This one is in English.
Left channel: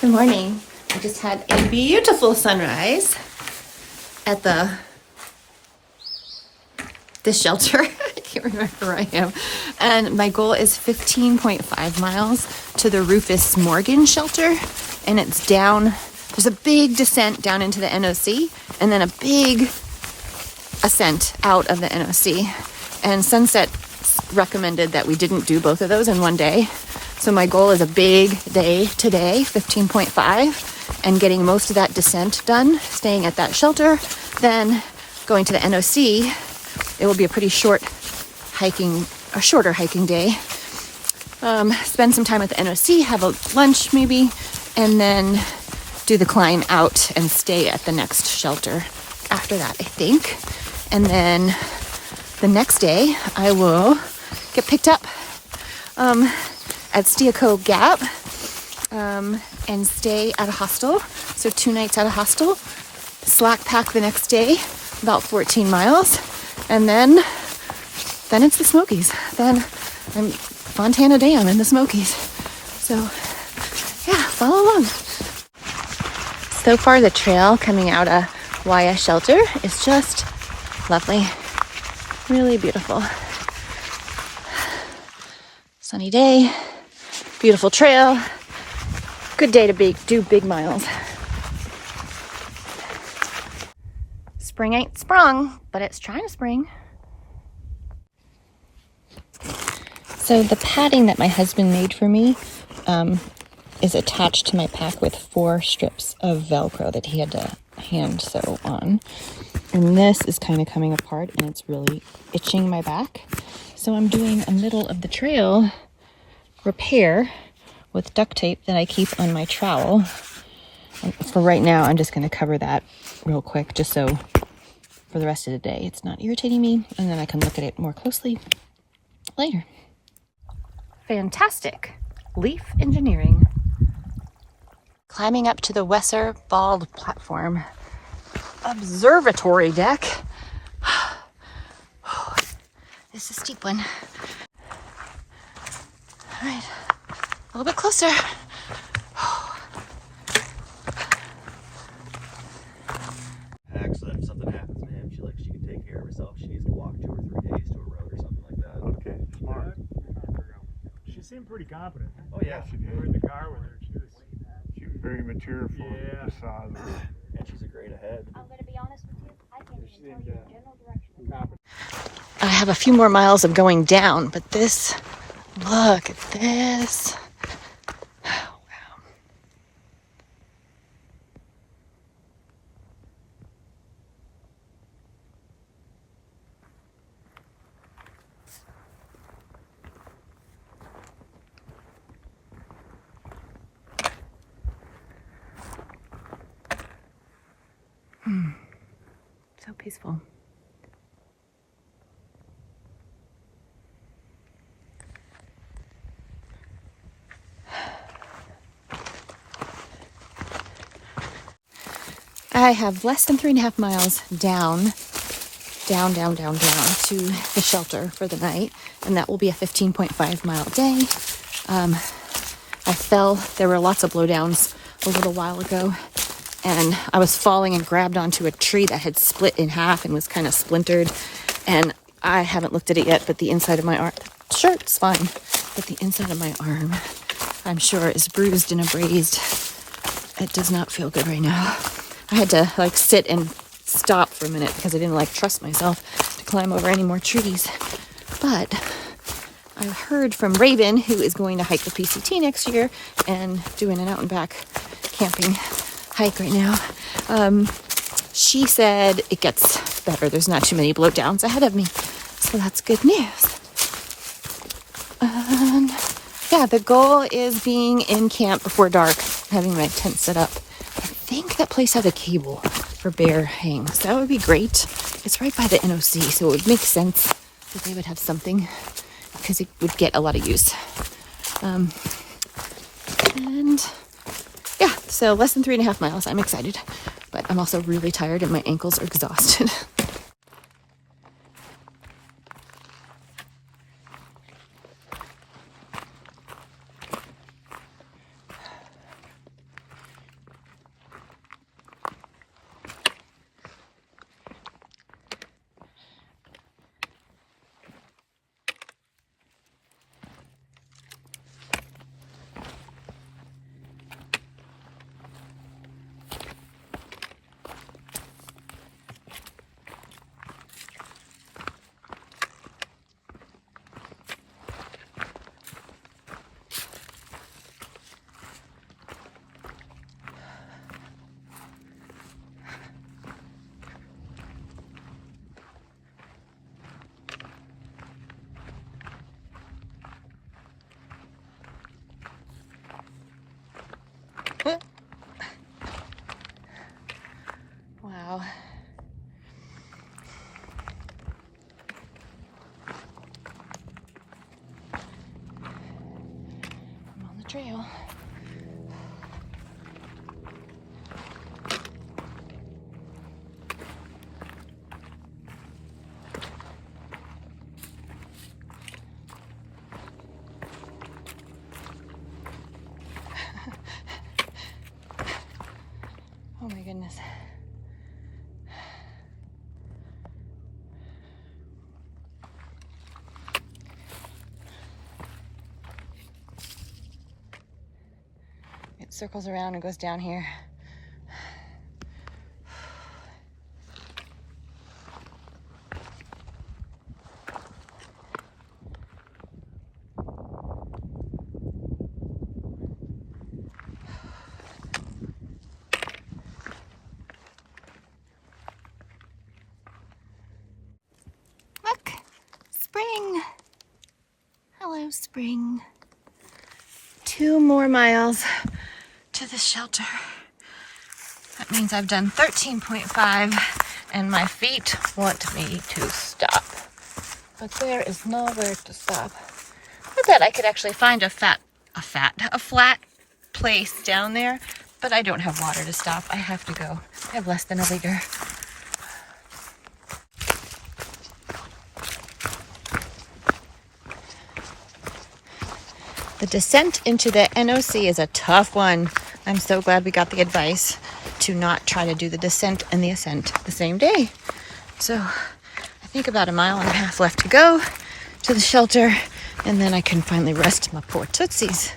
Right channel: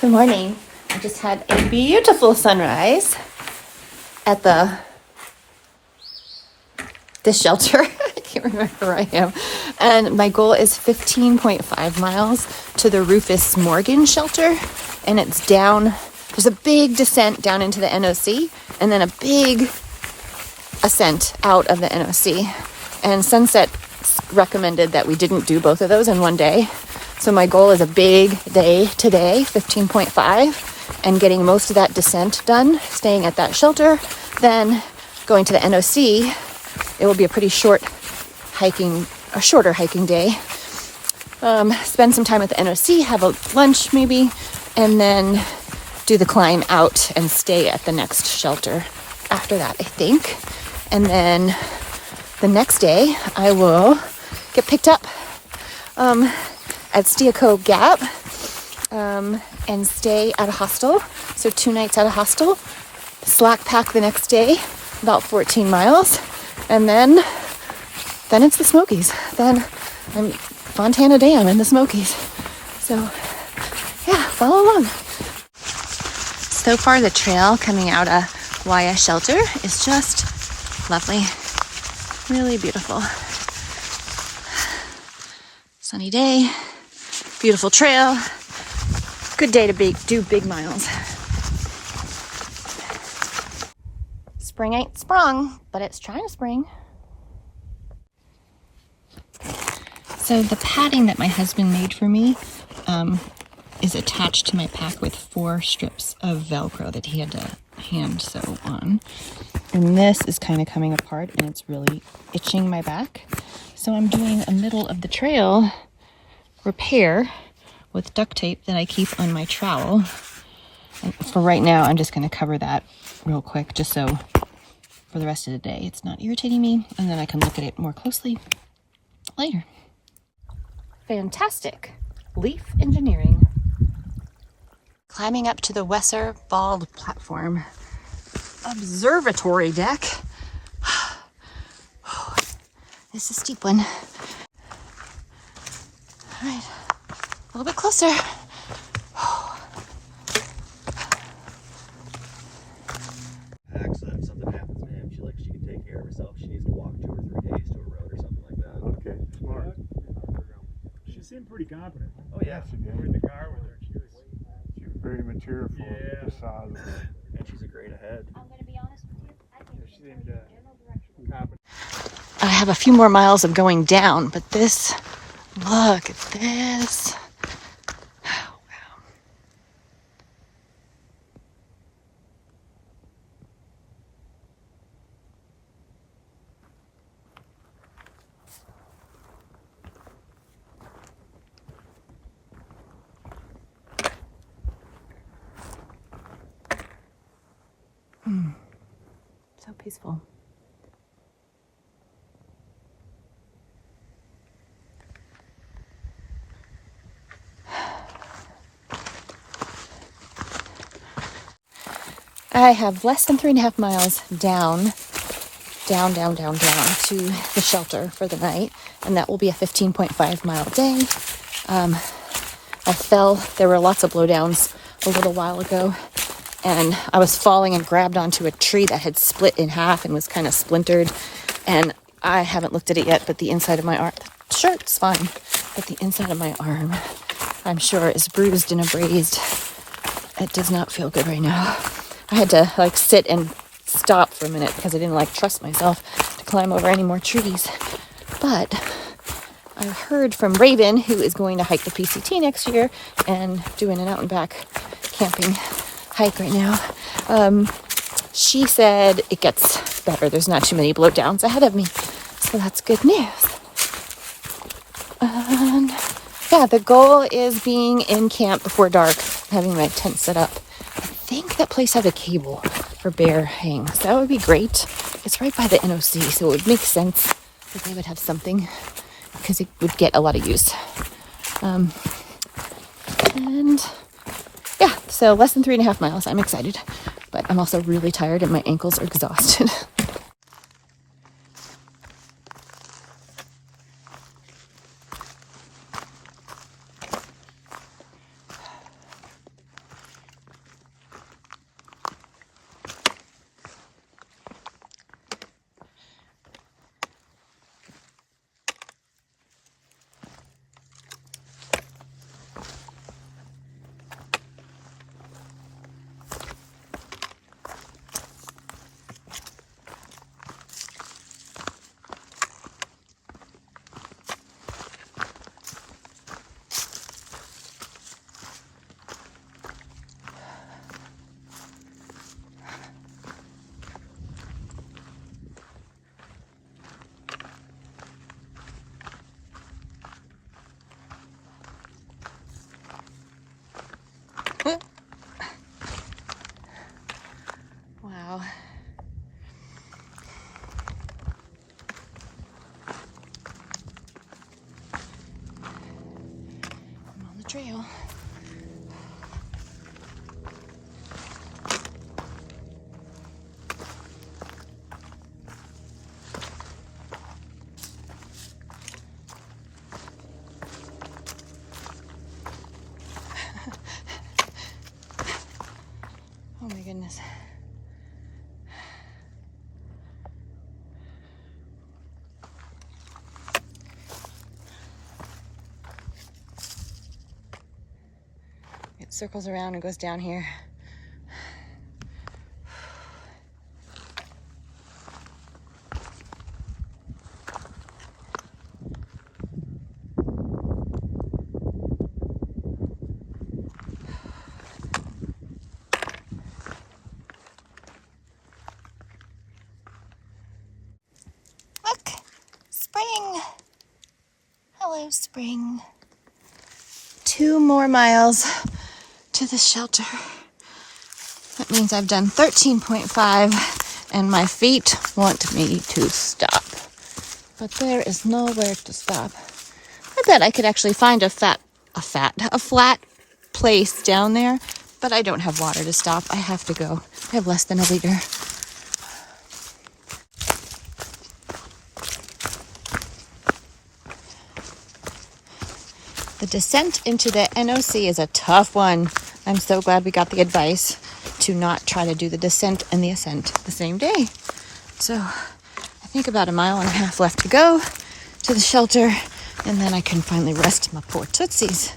Good morning. I just had a beautiful sunrise at this shelter. I can't remember where I am. And my goal is 15.5 miles to the Rufus Morgan shelter. And it's down, there's a big descent down into the NOC and then a big ascent out of the NOC. And Sunset recommended that we didn't do both of those in one day. So my goal is a big day today, 15.5, and getting most of that descent done, staying at that shelter, then going to the NOC. It will be a pretty shorter hiking day. Spend some time at the NOC, have a lunch maybe, and then do the climb out and stay at the next shelter after that, I think. And then the next day I will get picked up at Steaco Gap and stay at a hostel. So 2 nights at a hostel, slack pack the next day, about 14 miles. And then it's the Smokies. Then I'm Fontana Dam in the Smokies. So yeah, follow along. So far the trail coming out of Wayah shelter is just lovely. Really beautiful. Sunny day, beautiful trail, good day to do big miles. Spring ain't sprung, but it's trying to spring. So the padding that my husband made for me is attached to my pack with 4 strips of Velcro that he had to hand sew on. And this is kind of coming apart and it's really itching my back. So I'm doing a middle of the trail repair with duct tape that I keep on my trowel. And for right now, I'm just going to cover that real quick just so for the rest of the day it's not irritating me, and then I can look at it more closely later. Fantastic leaf engineering. Climbing up to the Wesser Bald Platform observatory deck. It's a steep one. All right, a little bit closer. Accident, something happens, man. She can take care of herself. She needs to walk 2 or 3 days to a road or something like that. Okay, smart. She seemed pretty competent. Oh yeah, she did. We're in the car with her. She was very mature for the size of her. And she's a great ahead. I'm going to be honest with you. I think She seemed competent. I have a few more miles of going down, but look at this. Oh, wow. So peaceful. I have less than 3.5 miles down to the shelter for the night, and that will be a 15.5 mile day. I fell. There were lots of blowdowns a little while ago, and I was falling and grabbed onto a tree that had split in half and was kind of splintered, and I haven't looked at it yet, but the inside of my arm, sure, it's fine, but the inside of my arm, I'm sure, is bruised and abrased. It does not feel good right now. I had to sit and stop for a minute because I didn't trust myself to climb over any more trees. But I heard from Raven, who is going to hike the PCT next year and doing an out and back camping hike right now. She said it gets better. There's not too many blowdowns ahead of me. So that's good news. Yeah, the goal is being in camp before dark, having my tent set up. I think that place has a cable for bear hangs. That would be great. It's right by the NOC, so it would make sense that they would have something because it would get a lot of use. And yeah, so less than 3.5 miles. I'm excited, but I'm also really tired and my ankles are exhausted. trail. Oh my goodness. It circles around and goes down here. Look, spring. Hello, spring. 2 more miles to the shelter. That means I've done 13.5 and my feet want me to stop. But there is nowhere to stop. I bet I could actually find a flat place down there, but I don't have water to stop. I have to go. I have less than a liter. The descent into the NOC is a tough one. I'm so glad we got the advice to not try to do the descent and the ascent the same day. So I think about 1.5 miles left to go to the shelter, and then I can finally rest my poor tootsies.